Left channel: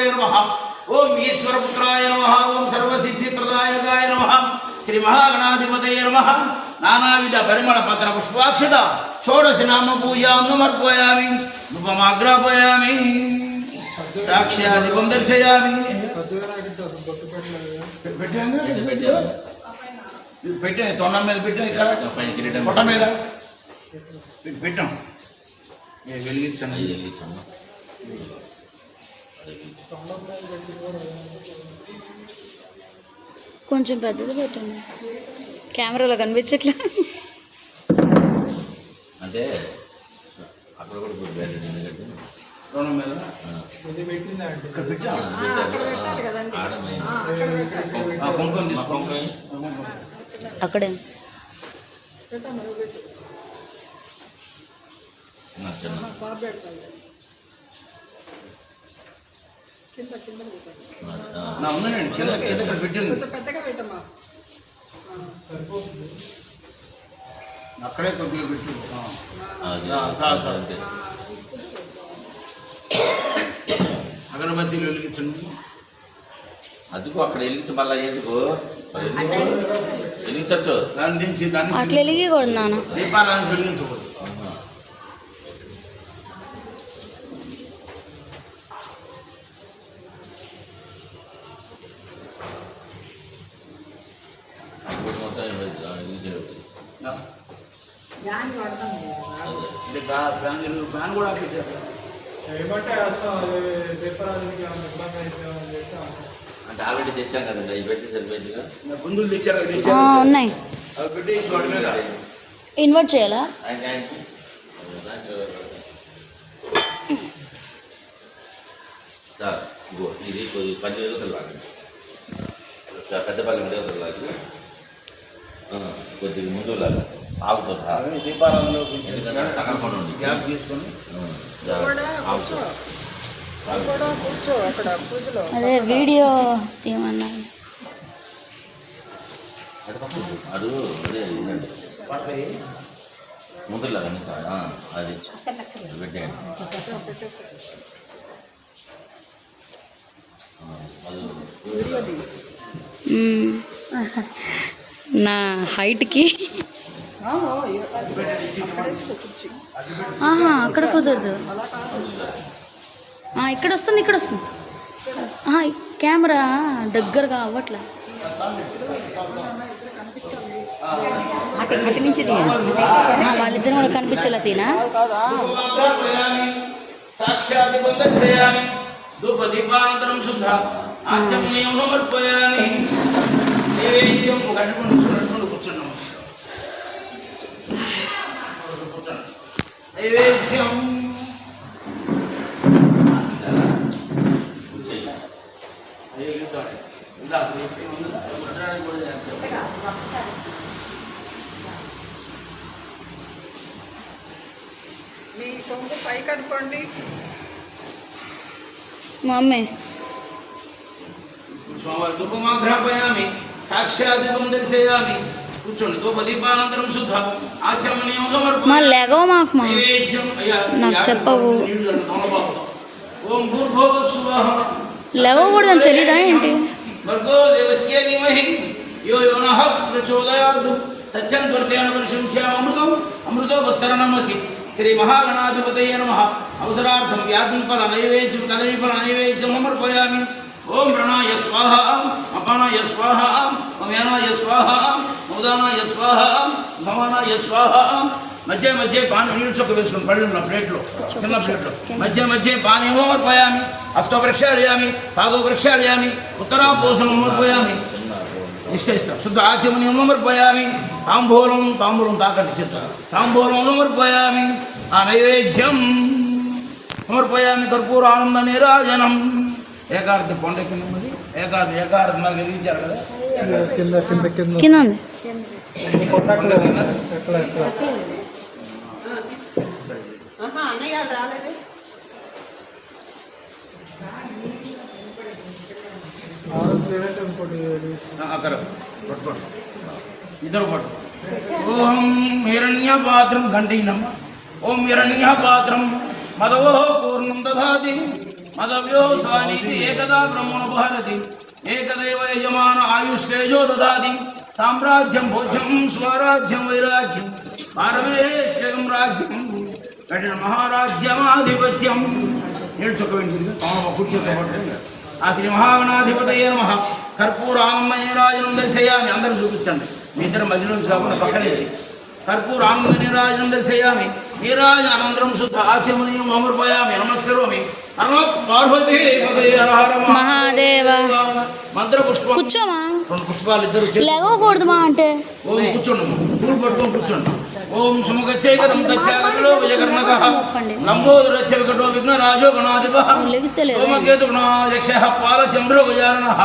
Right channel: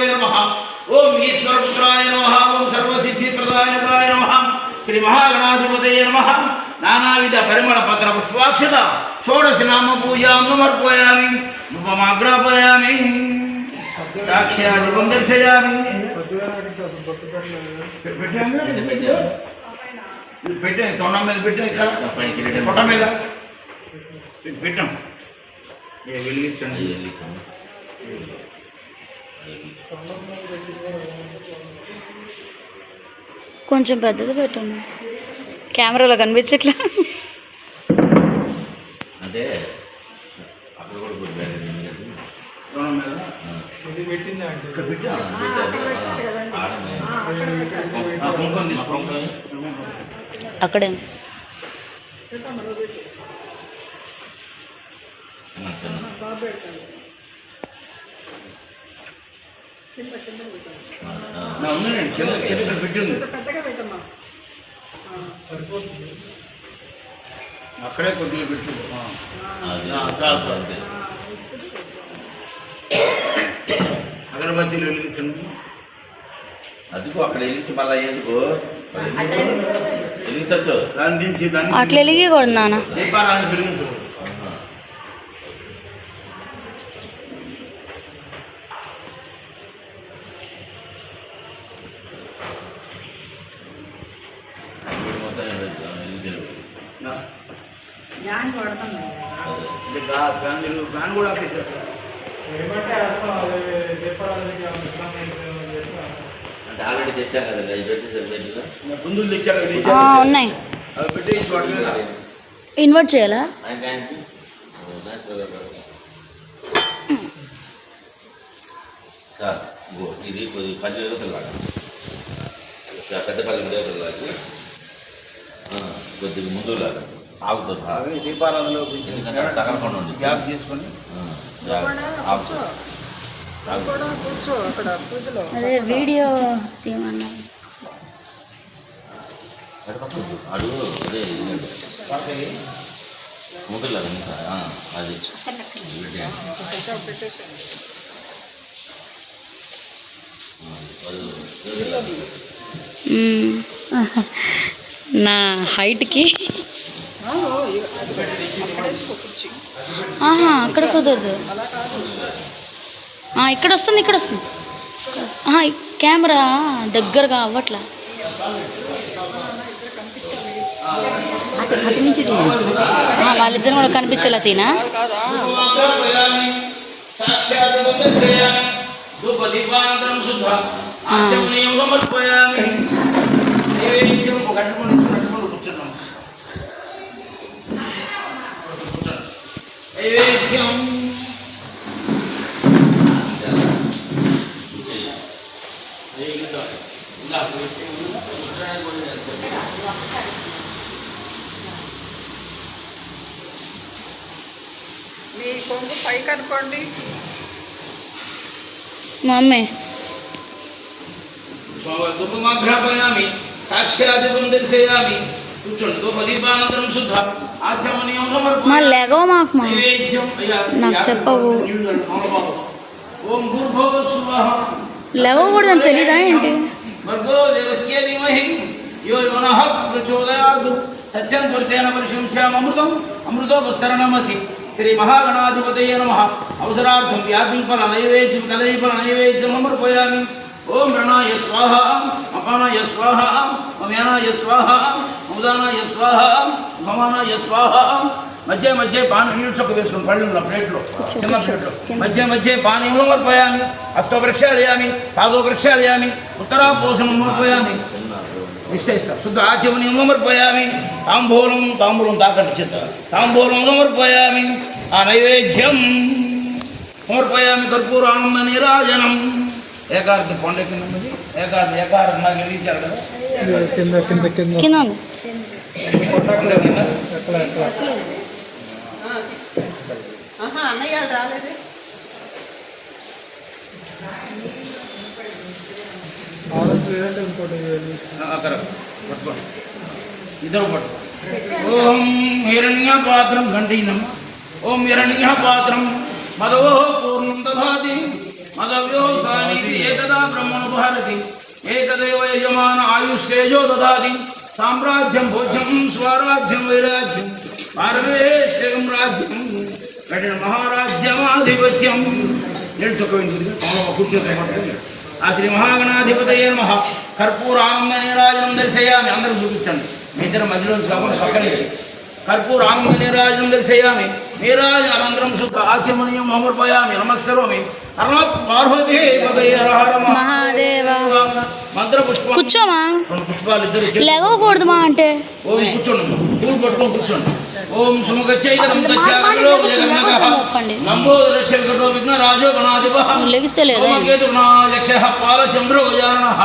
गुरवे नमः ओम ईश्वरपुत्राय नमः ओम सर्वसिद्धिप्रदायकाय नमः श्री महागणाधिपतये नमः नानाविध परिमल पत्र पुष्पाक्षत षोडश नाम पूजां समर्पयामि धूपमाग्रापयामि साक्षात् दीपं दर्शयामि పెట్టే తొండ మీద పెట్టాం ఇక్కడ పొట్ట మీద పెట్టాం వెలిగించండి కొంచెం పెద్దది పెట్టండి కెమెరాలో కనిపించట్లా అంటే అక్కడ కూడా అక్కడే ఉందండి కింద కింద పెట్టింది అక్కడే కొద్దిగా పెట్టు అగరబత్తీలు వెలిగించండి అదిగో అక్కడ వెలిగించి మళ్ళీ ఎందుకు వెలిగించచ్చు దాని దించి దాన్ని అట్లా వెలిగకూడదు నాన్న దీపారాధన వెలిగించకూడదు ఫ్యాన్ కూడా ఆపేసారు అంటే ఆల్రెడీ తెచ్చాం కదండి అవి పెట్టి సరిపెట్టిగా గుందులు తెచ్చారు ఉన్నాయి అవి పెట్టి ఇన్వర్ట్ చేయాలా ఇది కొద్ది పల్లె లాగా పెద్దపల్లి లాగి కొద్దిగా ముందు లాగా ఆగుతుంది దీపారాధనలో తగలకుండా ఉంది గ్యాప్ తీసుకొని ఆగుతుంది అదే వీడియో తీయమన్నా అడుగు అదే ఇదండి ముందులాగా ఇంకా అది నా హైట్కి అక్కడ కుదరదు ఇక్కడ వస్తుంది ఇక్కడ వస్తుంది కెమెరా దగ్గరగా అవ్వట్లా అటు నుంచి వాళ్ళిద్దరు కూడా కనిపించేలా తీనా మా అమ్మే ధూపమాఘ్రాపయామి సాక్షాత్ దీపం దర్శయామి కూర్చోండి ధూపదీపానంతరం శుద్ధ ఆచమనీయం సమర్పయామి మా లెగో మాకు మా నాకు చెప్పవు ఓం భూర్భువః స్వః లేవకూడదని తెలీదా ఏంటి భర్గో దేవస్య ధీమహి యో యోనః ప్రచోదయాత్ సత్యం దుర్తేన పరిశంస్యామ అమృతోపస్తరణమసి శ్రీ మహాగణాధిపతయే నమః అవసరార్థం వ్యాపింపల నైవేద్యం కదలీఫల నైవేద్యం సమర్పయామి ఓం ప్రణాయ స్వాహ అపానాయ స్వాహ అమ్యానాయ స్వాహ ఉదానాయ స్వాహ భవానాయ స్వాహ మధ్య మధ్య పానీ నీళ్ళు చొక్క వేసుకుని పళ్ళున్న ప్లేట్లో చిన్న ప్లేట్లో మధ్య మధ్య పానీ సమర్పయామి అష్టో ప్రక్షాళయామి పాదో ప్రక్షాళయామి ఉత్తరాపోషణం సమర్పయామి నిశ్చయిస్తా శుద్ధ ఆచమనీయం సమర్పయామి తాంబూలం తాకండి చిత్త తాంబూలం సమర్పయామి ఆ నైవేద్యం సమర్పయామి కర్పూర ఆనంద నీరాజనం ఏకార్తి కొండ కింద ఉన్నది ఏకార్తి నాకు ఇచ్చారు కదా కింద పట్టుకోండి ఇద్దరు పట్టుకో ఓం హిరణ్యపాత్రం ఘంటీనం ఓం హిరణ్యపాత్రం మదో పూర్ణం దదాతి मदव्योसानीति एकदा ब्रह्मणोपहरति एकदैव यजमान आयुष्तेजो ददाति साम्राज्यं भोज्यं स्वराज्यं वैराज्यं पारमेश्वरं राज्यं कठिन महाराज्यमाधिपत्यं నేర్చుకోండి కూర్చోతో పడుతుంది ఆ శ్రీ మహాగణాధిపతయే నమః కర్పూరానంద నీరాజనం దర్శయామి అందరూ చూపించండి మీ ఇద్దరు మధ్యలో కాకుండా పక్క నుంచి కర్పూరానంద నీరాజనం దర్శయామి నీరాజన అనంతరం శుద్ధ ఆచమనీయం సమర్పయామి నమస్కరోమి మహాదేవ మంత్ర పుష్పం కూర్చోమా రెండు పుష్పాలు ఇద్దరు లేవకూడదు మా అంటే ఓం కూర్చోండి పూలు పట్టుకొని కూర్చోండి ఓం సుముఖచ్చైకదం దచ్చాగలో విజయగర్మగః లంబోదరచ్చవికటో విఘ్నరాజో గణాధిపః లెగిస్తే లేదా కేతుర్నాయక్షః పాలచంద్రో గజాననః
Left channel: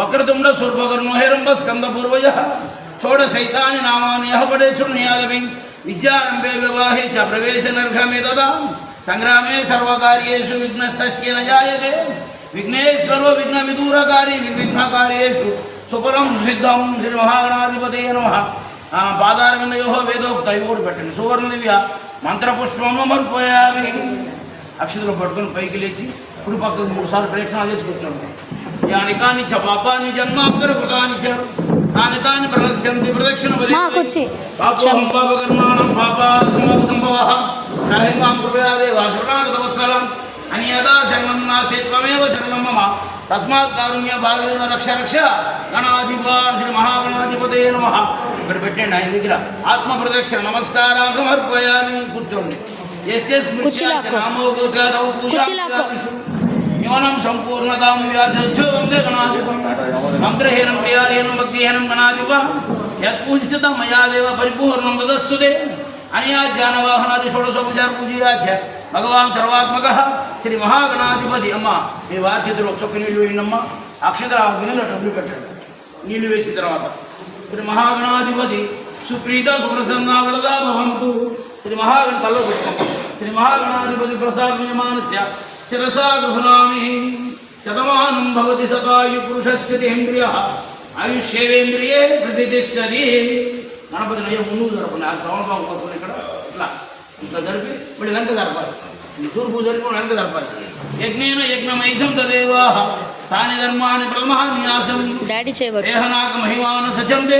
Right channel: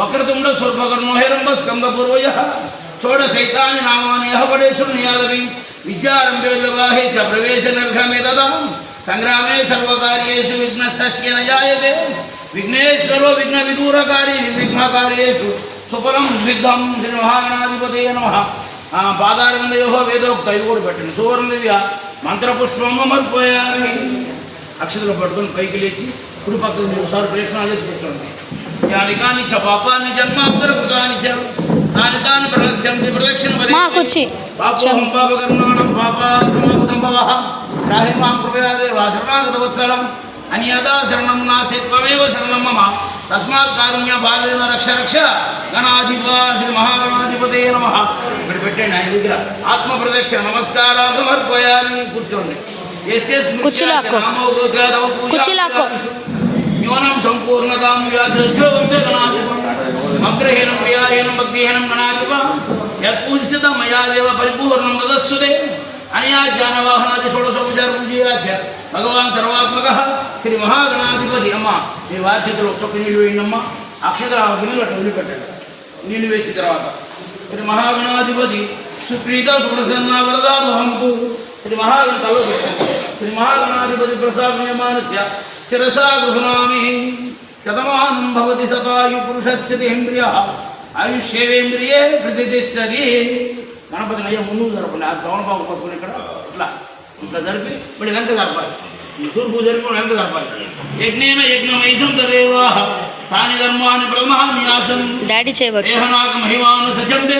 వక్రతుండ స్వర్పకర్ణో హేరంబ స్కందపూర్వజః షోడశైతాని నామాని యః పఠేచ్ఛృణ్యాదవిన్ విద్యారంభే వివాహే చ ప్రవేశనర్ఘమే తదా సంగ్రామే సర్వకార్యేషు విఘ్నస్తస్య న జాయతే విఘ్నేశ్వరో విఘ్నవిదూరకారి నిర్విఘ్నకార్యేషు సుఫలం సిద్ధం శ్రీ మహాగణాధిపతయే నమః పాదారవిందయో వేదోక్త ఇవి కూడా పెట్టండి సువర్ణ దివ్య మంత్రపుష్పం సమర్పయామి అక్షతలు పట్టుకొని పైకి లేచి ఇప్పుడు పక్కకు 3 సార్లు ప్రేక్షణాలు చేసి కూర్చోండి యాని కాని చ పాపాన్ని జన్మాంతర కృతాని చ తాని తాని ప్రదర్శయంతి ప్రదక్షిణ మాకొచ్చి పాపోహం పాపకర్మాణం పాపాత్మక సంభవః రాహి మాం కృపయాదేవ శరణాగత వత్సలం అన్యదా శరణం నాస్తి త్వమేవ శరణం మమ తస్మాత్ కారుణ్య భావేన రక్ష రక్ష గణాధిపా శ్రీ మహాగణాధిపతయే నమః ఇక్కడ పెట్టండి ఆయన దగ్గర ఆత్మ ప్రదక్షిణ నమస్కారం సమర్పయామి కూర్చోండి కుర్చీలాక్కో న్యూనం సంపూర్ణతాం వ్యాధో వందే గణాధిపం మంత్రహీనం క్రియాహీనం భక్తిహీనం గణాధిప యత్పూజిత మయా దేవ పరిపూర్ణం తదస్సుతే అనయా జ్ఞానవాహనాది షోడశోపచార పూజయాచ భగవాన్ సర్వాత్మక శ్రీ మహాగణాధిపతి అమ్మ మీ వారి చేతిలో చొక్క నీళ్ళు వేయండమ్మా అక్షతర వినలు వదిలిపెట్టండి నీళ్ళు వేసిన తర్వాత శ్రీ మహాగణాధిపతి సుప్రీత సుప్రసన్న వరదాభవంతు శ్రీ మహాగణ తల శ్రీ మహాగణాధిపతి ప్రసాదమానస్య శిరసా గృహణామి శతమానం భవతి శతాయు పురుషస్య ఇంద్రియ ఆయుష్యేంద్రియే ప్రతిష్టతి గణపతి నయ్య ముందుకు జరపండి ఆ ద్రోణబాబు పట్టుకుని ఇక్కడ ఇట్లా ఇట్లా జరిపి ఇప్పుడు వెనక జరపాలి తూర్పు జరిపి వెనక జరపాలి యజ్ఞేన యజ్ఞమైషం తదేవా తాని ధర్మాన్ని ప్రథమాన్యాసం డాడీ చేయబట్టు దేహనాక మహిమాను సచందే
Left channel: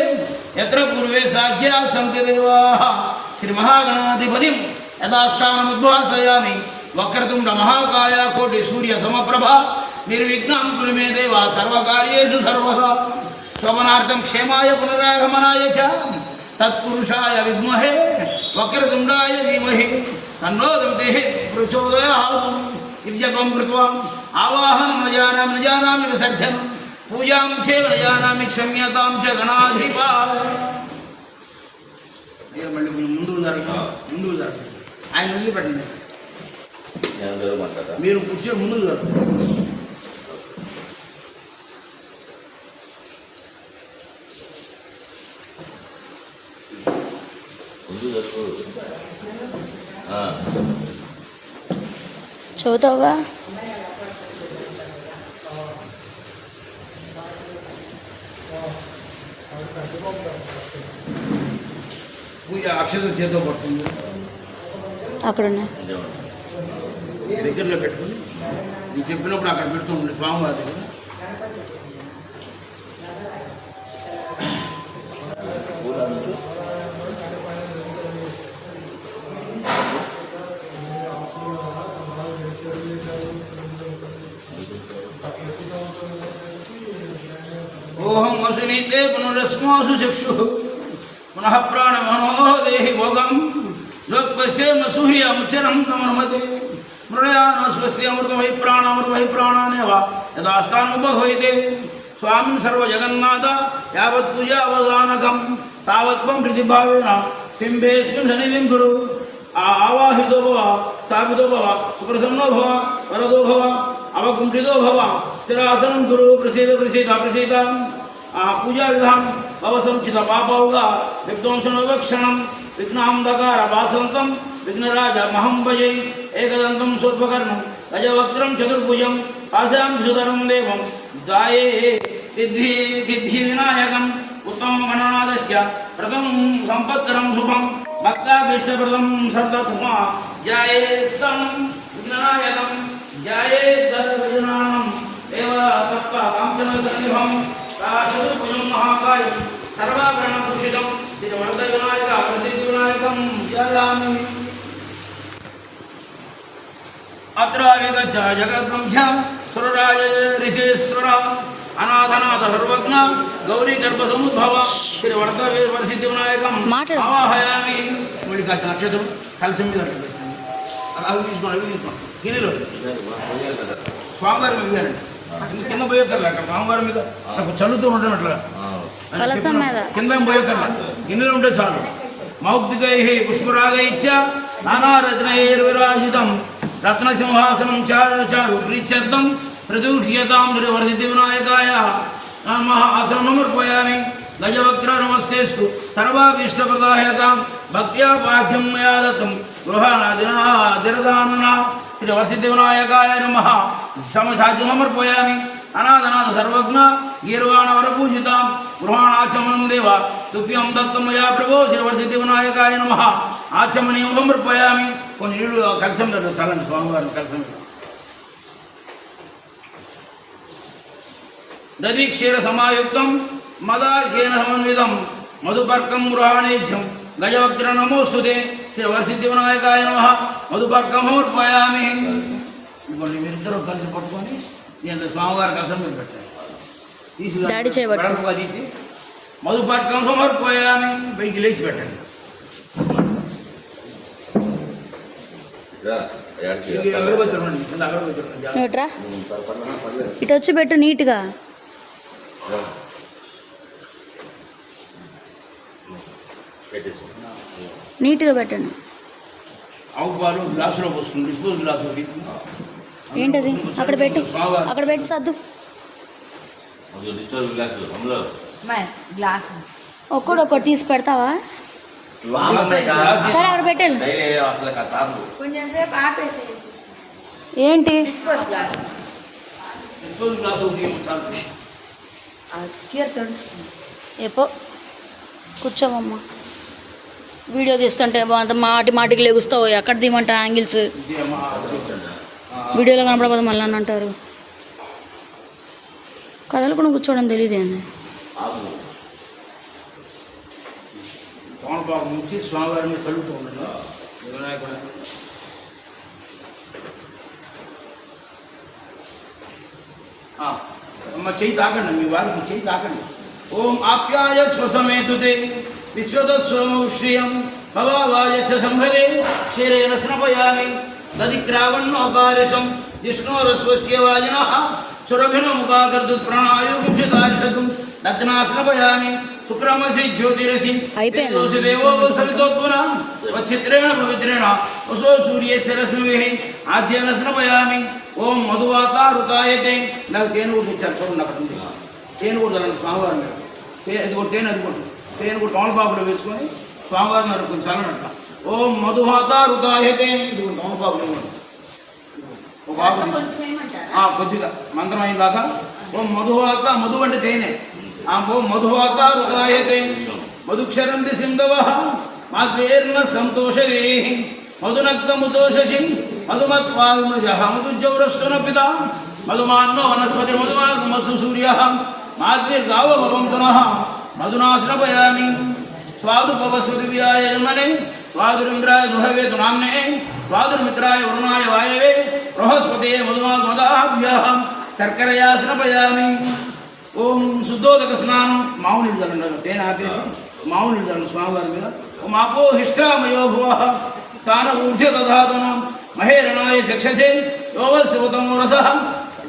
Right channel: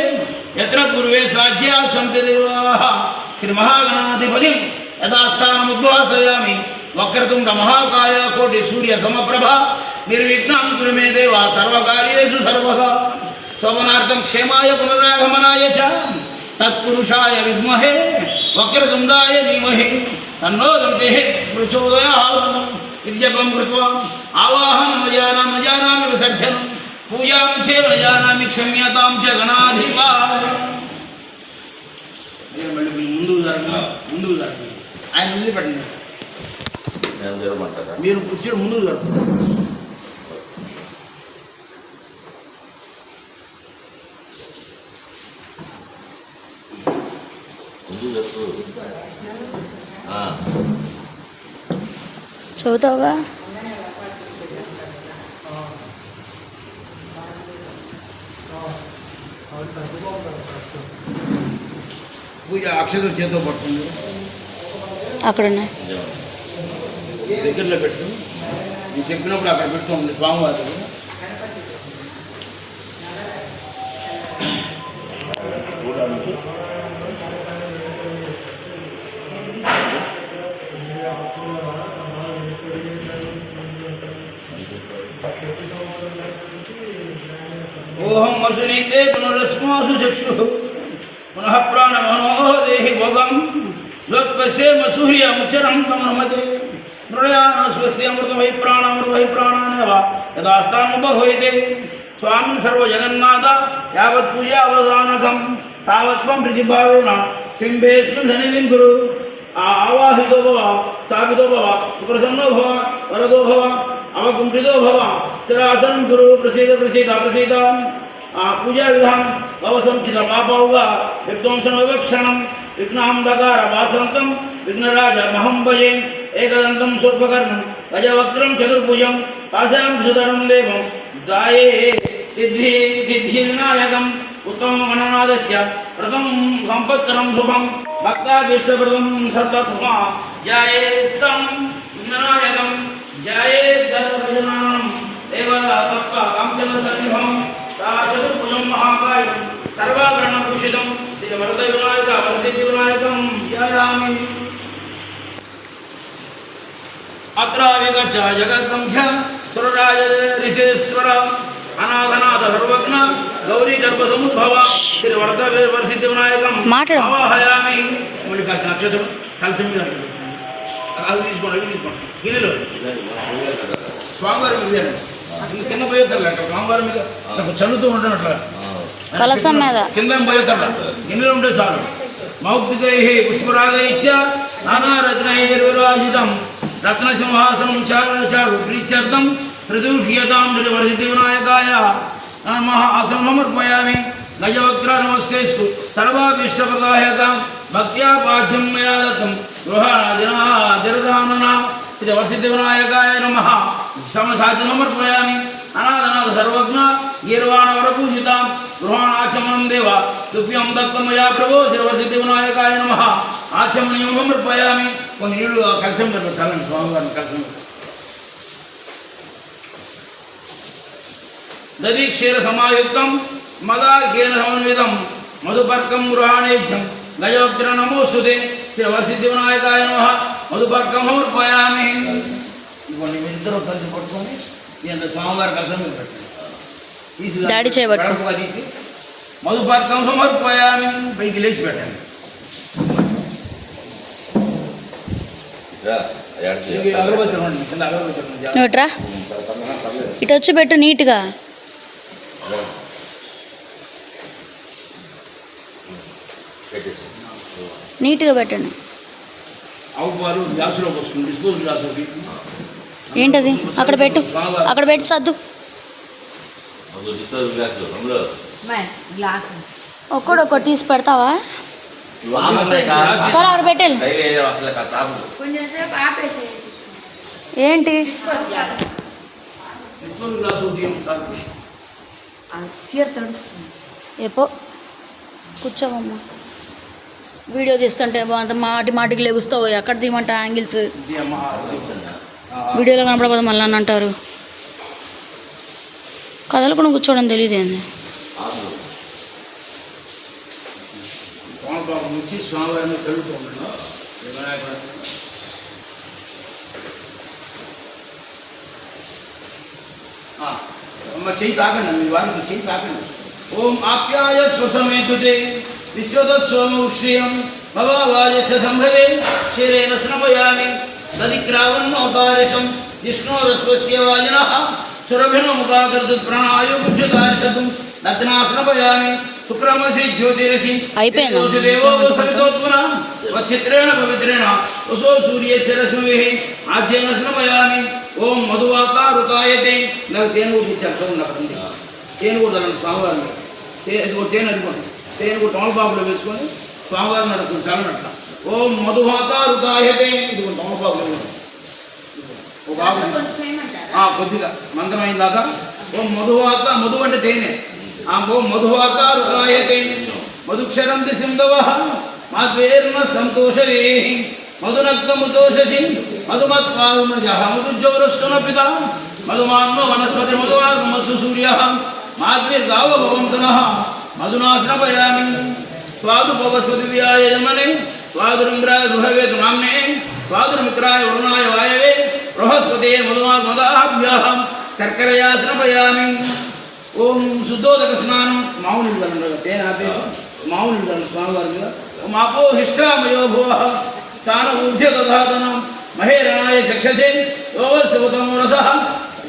ఎత్ర పూర్వే సాధ్యా సంతి దేవా శ్రీ మహాగణాధిపతి యథాస్థానముద్వాసయామి వక్రతుండ మహాకాయ కోటి సూర్య సమప్రభ నిర్విఘ్నం కురు మే దేవ సర్వకార్యేషు సర్వదా శోభనార్థం క్షేమాయ పునరాగమనాయ చ తత్పురుషాయ విద్మహే వక్రతుండాయ ధీమహి తన్నో దంతేః ప్రచోదయాత్ ఇత్యపం కృత్వా ఆవాహనం న జానామి విసర్జనం పూజాం చేవ న జానామి క్షమ్యతాం చ గణాధిపా మళ్ళీ ముందుకు జరగండి ఆయన వదిలిపెట్టండి మీరు కూర్చొని ముందుకు జరగండి చదువుతావుగా పూజ అక్షతలు చేతితో పడుతుంది అక్కడ ఉన్నాయి దగ్గరలో పెట్టుకుని నేను చెప్పినప్పుడు అక్కడ పెడుతూ ఉంది స్వామివారి ఓహం వసునీతే పునరస్మాసు చక్షు పునః ప్రాణమనో దేహి భోగం యోత్పశ్యేమ సూర్యముచరం తమనుమతే మృడయానస్వస్య అమృతమై ప్రాణానేవ యథాస్థానముపహ్వైతే స్వామిన్ సర్వజగన్నాథ యావత్ పూజావధానకం తావత్వం ప్రతిభావేన సింహేస్మిన్ సన్నిధిం కురు ఆవాహితో భవ స్థాపితో భవ సుప్రసన్నో భవ వరదో భవ అవకుంఠితో భవ స్థిరాసనం కురు ప్రసీద పూజా విధానం భవ సంచిత పాపౌగా విధ్వంసన వివక్షణం విఘ్నాంధకార వాసంతం విఘ్నరాజ మహం భజే ఏకదంతం స్వర్పకర్ణం గజవక్త్రం చతుర్భుజం కాశాం సుధరం దేవం దాయే సిద్ధి వినాయకం ఉత్తమం గణనాథస్య ప్రథమం సంపత్కరం శుభం భక్తాభీష్టప్రదం సర్వత్మా జయేస్తం వినాయకం ధ్యాయేద్గణభజనానం దేవ తత్వ కాంతినోదన్యుహం తా చతుర్భుజం మహాకాయం సర్వాభరణభూషితం శ్రీ వరద వినాయక ప్రసిద్ధి వినాయకం ధ్యాయామి. అత్ర విగచ్చ జగద్బ్రహ్మ సురరాజ రిచేశ్వర అనాథనాథ సర్వజ్ఞ గౌరీ గర్భసముద్భవ శ్రీ వరద వరసిద్ధి వినాయకం మాట్లాడు. ఆవాహయామి. మళ్ళీ కాస్త నక్షత్రం కలిసి మీద అవి తీసుకోండి గిన్నెలో స్వామివారి మీద కింద పోయేకర్లే అంట స్వామివారి మీద నాకు చల్లుతూ ఉంటున్నట్ల కలసం మీద కింద పోయేకర్ల గిన్నెలో ఉంటే చాలు. మౌక్తికై పుష్పరాగై నానారత్నైర్విరాజితం రత్నసింహాసనం చారు ప్రీత్యర్థం ప్రదూష్యతాం వరసిద్ధి వినాయకాయ నమః. ఆసనం సమర్పయామి. గజవక్ర నమస్కేస్తు సర్వాభీష్టప్రదాయకాం భక్త్యా పాఠ్యం మయా దత్తం గృహరాజనాదిరదానన శ్రీ వరసిద్ధి వినాయకాయ నమః. సమసాచి సమర్పయామి. అనాథనాథ సర్వజ్ఞ గీర్వాణవరపూజితాం గృహాణాచమనం దేవ తుభ్యం దత్తం మయా ప్రభో శ్రీ వరసిద్ధి వినాయకాయ నమః. ఆచమనీయం సమర్పయామి. కొన్ని నీళ్ళు కలిసం చల్లండి స్వామివారిని కలిసం. దధీక్షీర సమాయుక్తం మదాఖ్యేన సమన్వితం మధుపర్కం గృహాణేజ్యం గజవక్ర నమోస్తుతే శ్రీ వరసిద్ధి వినాయకాయ నమః. మధుపర్కం సమర్పయామి. ఇదిగోండి మీరిద్దరూ కలిసి పట్టుకొని దీంట్లో స్వామివారి కలిసం మీరు పెట్టండి. దాడి చేయబట్టు. తీసి మధుపర్కం సమర్పయామి. పైకి లేచి పెట్టండి. అగరబత్తి రండి కింద అగరబత్తి రండి. నోట్రా ఇటు వచ్చి పెట్టు నీట్గా. నీట్గా పెట్టండి. ఆవు పాలు గ్లాసులో పోసుకుని డిస్పోజ్ గ్లాసులోకి. ఏంటది అక్కడ పెట్టు, అక్కడ పెట్టి సర్దు. ఒక్కడొక్కటి తీసి పెడతావా? సరే అక్కడ పెట్టాలి. ఏంటి డిస్పోజ్ గ్లాసులోకి చాలు. ఎపో కూర్చోవమ్మా. వీడియో తీస్తుంటే అంత మాటికి లెగుస్తావు. ఎక్కడ తీయమంట యాంగిల్స్ వీడియోలో కనపడబోదు మళ్ళీ అని అంటారు. కదలకుండా కూర్చోవడం తెలియదేంది. తోమలపాకు ముంచి స్వామివారిని చల్లుతూ ఉండండి. చెయ్యి తాకండి. మీ వారికి చెయ్యి తాకండి. ఓం ఆప్యాయ స్వసమేతుతే విశ్వదస్వమౌష్యం భవావాయస్య సంభవే శరీరేణ స్నపయామి. దదిక్రావన్నోకారిషం విష్ణోరస్వస్య వాజినః సురభిర్ముఖాకర్తుత్ ప్రణాయోగుక్షతార్షతుం దత్నాస్నపయామి. శుక్రమసి జ్యోతిరసి దేవో సవితోత్పున వచ్చిత్రేణ పవిత్రేణ వసో సూర్యస్య రశ్మిభిః ఆజ్యేన స్నపయామి. ఓం మధువాతారుతాయతే. నాకు తేనె కూడా ఇచ్చారు చూడండి. అక్కడ ఉంది తేనె కూడా తల్లండి స్వామివారిని. తేనె అడుకోండి. తేనె కూడా తోమలపాకులో వేసుకొని స్వామివారిని అడుగుతుంది చల్లనట్ట. ఓం మధువాతారుతాయతే. ఇది కూడా తోమలపాకులో ఇవ్వండి. ఒక ఆకు కొద్దిగా మంత్రం అయిందాక ఓం మధువాత. మధు అంటే తేనె. ఓం మధువాతారుతాయతే. మధుక్షరంతి సింధవః మాద్వేర్న సంతోషరే మధునక్తముతోషసి మధుమత్వారుణజః మధుజ్జవరస్తున పిత మధుమాన్నో వనస్పతి మధువాగమస్తు సూర్యః మాద్విర్గావ భవంతునః మధునాస్నపయామి. స్వాదుపవస్వతి వ్యాయ జన్మనే స్వాదురింద్రాయ గృహవేతు నామ్నే స్వాదుర్మిత్రాయ వరుణాయ వాయవే బృహస్పతే మధుమాత్మదాభ్యః శర్కరయా స్నపయామి. ఓం శుద్ధోదక స్నానం. మామూలు జలం తేనె ఆపేసి మామూలు జలం స్వామివారి మీద. ఓం ఆపో హిష్టామయో భువః స్థాన ఊర్ధ్య దధాతనం మహేరణాయ చక్షసే యోగశివతమో రసః.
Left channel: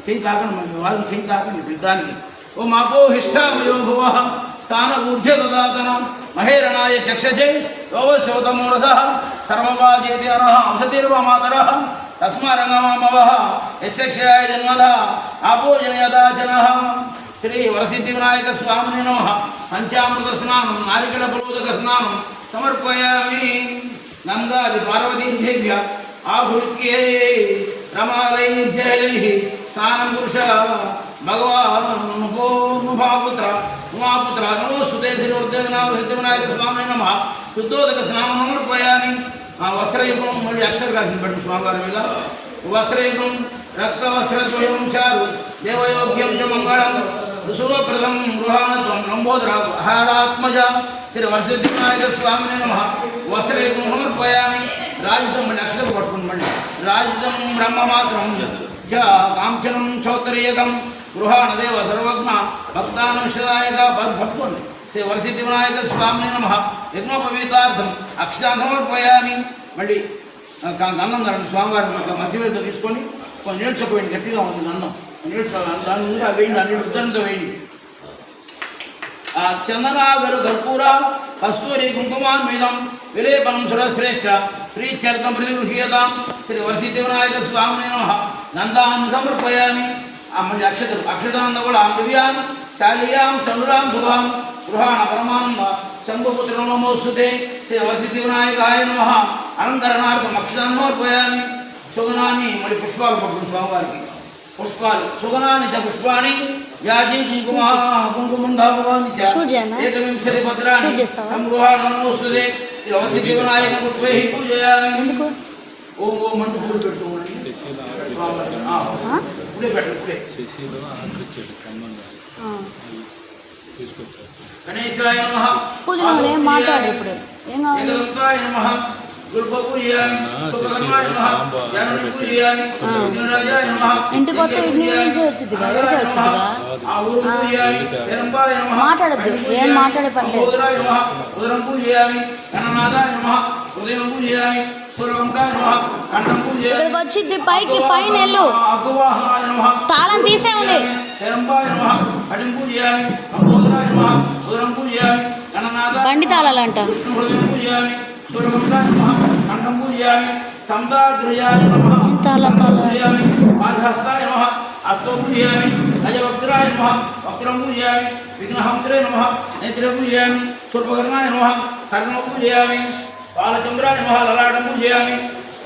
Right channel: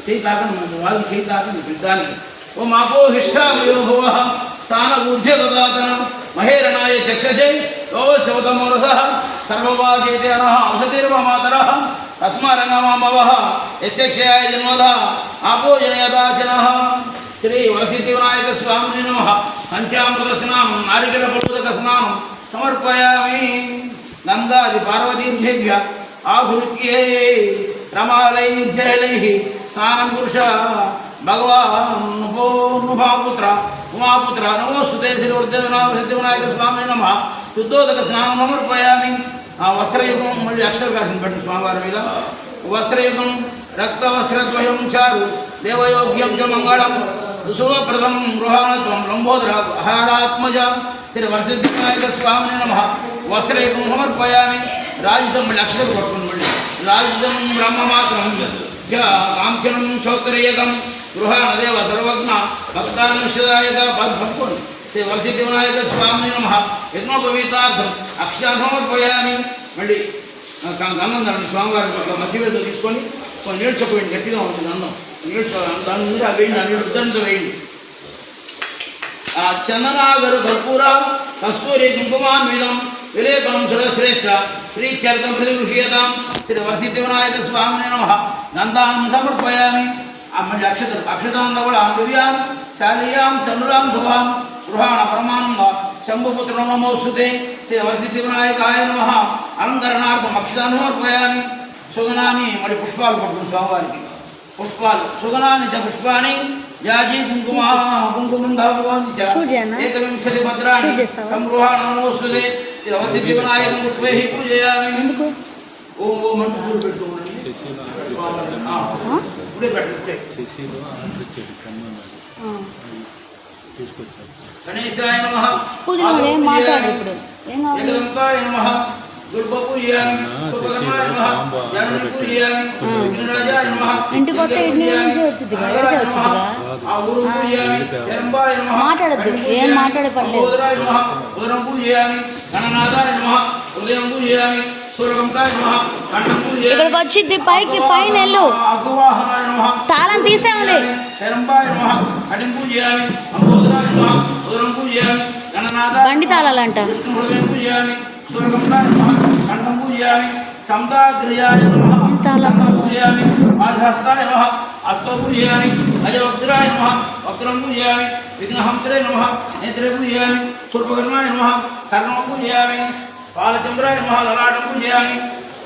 చేయి తాకండి. మన వారికి చేయి తాకండి యుద్ధానికి. ఓం ఆపో హిష్టామయో భువః స్థాన ఊర్ధ్య దధాతనం మహేరణాయ చక్షసే యోగశివతమో రసః. సర్వవాచేతే అనః ఔషధిర్వ మాతరః తస్మారంగమామవః యస్య క్షయాయ జన్మధ ఆపో జనయదాచనః. శ్రీ వరసిద్ధి వినాయక స్వామి నమః. పంచామృత స్నానం నారికేళ ఫలోదక స్నానం సమర్పయామి. గంగాది పార్వతీభ్య ఆహృత్యే రమాలైర్జైలైః స్నానం పురుష భగవాన్ పుత్ర ఉమాపుత్ర నమోస్తుతే. శ్రీ వరసిద్ధి వినాయక స్వామి నమః. శుద్ధోదక స్నానం సమర్పయామి. వస్త్రయుగం మళ్ళీ అక్షర కాసిన పెట్టు స్వామివారి మీద. వస్త్రేకం రక్తవస్త్రద్వయం చారు దేవయోగ్యం చ మంగళం ఋషువప్రదం గృహాణత్వం లంబోదర ఆహారాత్మజ శ్రీ వరసిద్ధివినాయక స్వామిని నమ. వస్త్రేకం సమర్పయామి. రాజితం మళ్ళీ అక్షరం పట్టుకుని మళ్ళీ రాజితం బ్రహ్మమాత్రం కాంచనం చౌత్తరీయకం గృహాణదేవ సర్వజ్ఞ భక్తానం శదాయక పట్టుకోండి. శ్రీ వరసిద్ధివినాయక స్వామిని నమ. యజ్ఞోపవీతార్థం అక్షరాన్ని సమర్పయామి. మళ్ళీ అన్నం దాన్ని స్వామివారిని మధ్య మీద తీసుకొని నీళ్ళు చెప్పండి, గట్టిగా ఉంటుంది అన్నం. నీళ్ళు దాని మీద వేయండి, అన్ని ఉద్దరణతో వేయండి. చందనాగరు కర్పూర కస్తూరి కుంకుమాన్వితం విలేపనం సురశ్రేష్ఠ శ్రీచరితం ప్రతిగృహ్యతాం శ్రీ వరసిద్ధివినాయక స్వామిని నమ. గంధాన్ని సమర్పయామి. మళ్ళీ అక్షతానంద కూడా దివ్యాం శాలీయాం చంద్రులాం శుభాం గృహాణ పరమానంద శంభుపుత్ర నమోస్తుతే శ్రీ వరసిద్ధివినాయకాయ నమ. అలంకరణార్థం అక్షతాన్ని సమర్పయామి. సుగనాన్ని మళ్ళీ పుష్పాలు పట్టుకుని స్వామివారికి పుష్పాలు సుగనాన్ని చ పుష్పాన్ని యాజీ ఏకవింశతి భద్రాన్ని సంగృహాణ నమోస్తుతే శ్రీ వరసిద్ధివినాయక పుష్పై పూజయామి. ఓం ఓం అంటూ పూలు పెట్టుకోండి. ఇప్పుడే పెట్టండి. గణేశాయ నమః. మాట్లాడు ఇప్పుడు ఏం కావాలి? ఏకదంతాయ నమః. దుర్గపూజయామి. ఉపకర్మాయ నమః. యామినీపూజయామి. విఘ్నరాజాయ నమః. ఇంటికి వస్తే ఇంటి నుంచి వచ్చిందిగా, ఎక్కడికి వచ్చిందిగా. ఆ ఊరు పూజయామి. జనంబాయ నమః. మాట్లాడద్దు, ఏం మాట్లాడే పని లేదు. ఉదరాయ నమః. ఉదరం పూజయామి. గణనాథాయ నమః. హృదయం పూజయామి. సూర్యకంఠాయ నమః. కంఠం పూజయామి. ఇక్కడికి వచ్చింది పైకి, పైన వెళ్ళు. అగ్వాహనాయ నమః. తాళం తీసే ఉంది. శరంబాయ నమః. కటిం పూజయామి. అంబోదరాయ నమః. ఉదరం పూజయామి. గణనాథాయ బండి తాళాలంట. విష్ణు హృదయం పూజయామి. సూర్యకంఠాయ నమః. కంఠం పూజయామి. సంతాగ్రయాయ నమః. పూజయామి. ఆధహస్తాయ నమః. హస్తో పూజయామి. అజవక్త్రాయ నమః. వక్త్రం పూజయామి. విఘ్నహంత్రే నమః. నేత్రే పూజయామి. శూర్పకర్ణాయ నమః. కర్ణం పూజయామి. బాలచంద్రాయ నమః. లలాటం పూజయామి.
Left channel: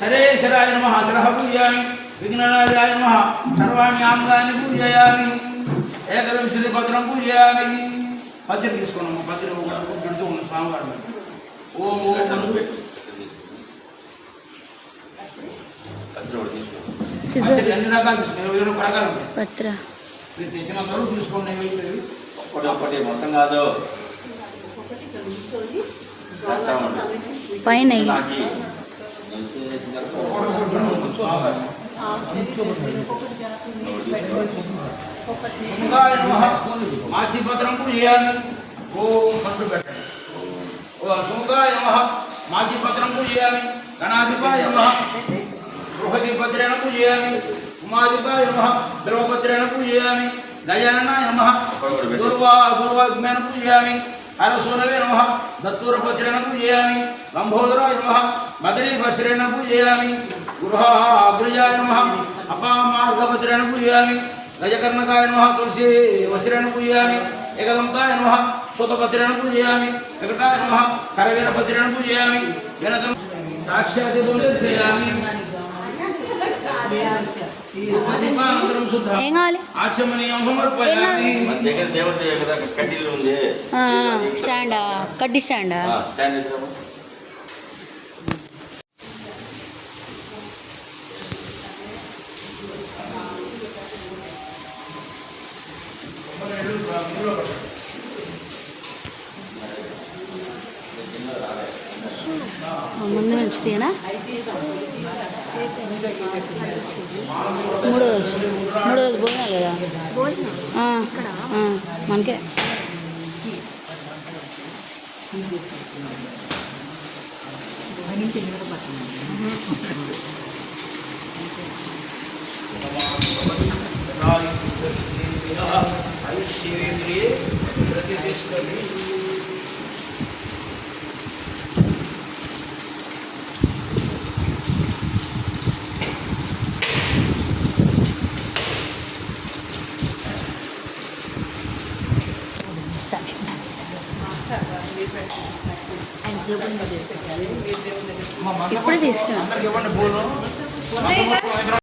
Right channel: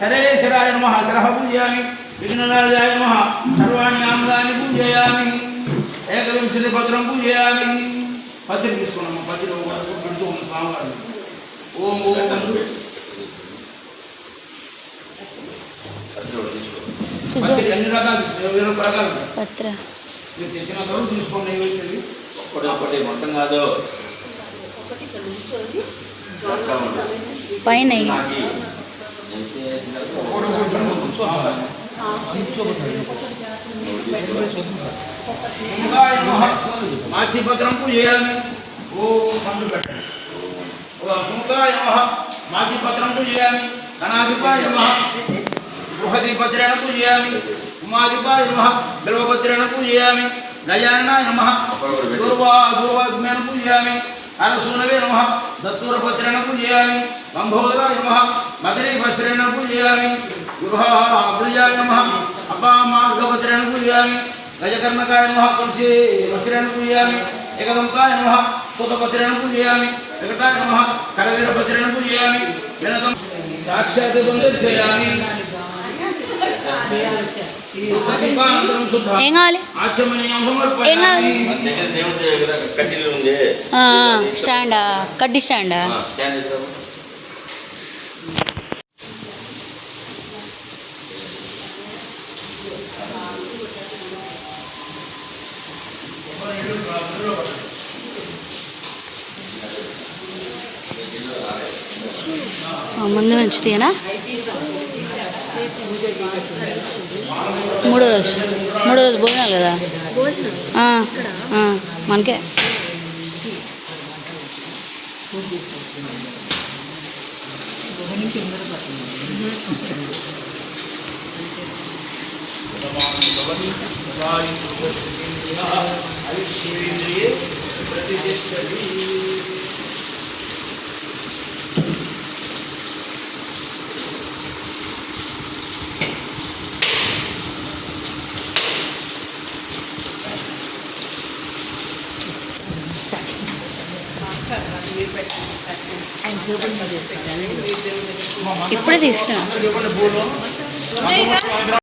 హరేశ్వరాయ నమః. శరః పూజయామి. విఘ్నరాజాయ నమః. సర్వాణి ఆమ్లాని పూజయామి. ఏకవింశతి పత్రం పూజయామి. పత్రి తీసుకున్నాము. పత్రి పెడుతూ ఉంది స్వామివారిని. ఓం ఓం పత్రి అన్ని రకాలు 21 రకాలు పత్ర మీరు తెచ్చిన వరకు తీసుకోండి. ఒకటి మొత్తం కాదు పైన మాచిపత్రం పూజయామి. ఓం సండు పెట్టండి. ఓ సుముఖాయ నమః. మాచిపత్రం పూజయామి. గణాధిపాయ నమః. బృహదీపత్రేణ పూజయామి. ఉమాధిపాయ నమః. బిల్వపత్రేణ పూజయామి. గజాననాయ నమః. దూర్వాగ్మేన పూజయామి. హరసూనవే నమః. దత్తూరపత్రేణ పూజయామి. లంబోదరాయ నమః. మదరీవస్త్రేణ పూజయామి. గృహాగ్రజాయ నమః. అపామార్గపత్రేణ పూజయామి. గజకర్ణకాయ నమః. తులసి వస్త్రేణ పూజయామి. ఏకదంతాయ నమః. సూతపత్రేణ పూజయామి. వికటాయ నమః. కరవీరపత్రేణ పూజయామి. గణతం సాక్షాత్ దర్శయామి. ఏం కావాలి? కడ్డీలు ఉంది. స్టాండా, కడ్డీ స్టాండా. ముందు నుంచి తీయనా? మూడో రోజు భోజనాలు కదా మనకే. ఇప్పుడే తీస్తున్నా.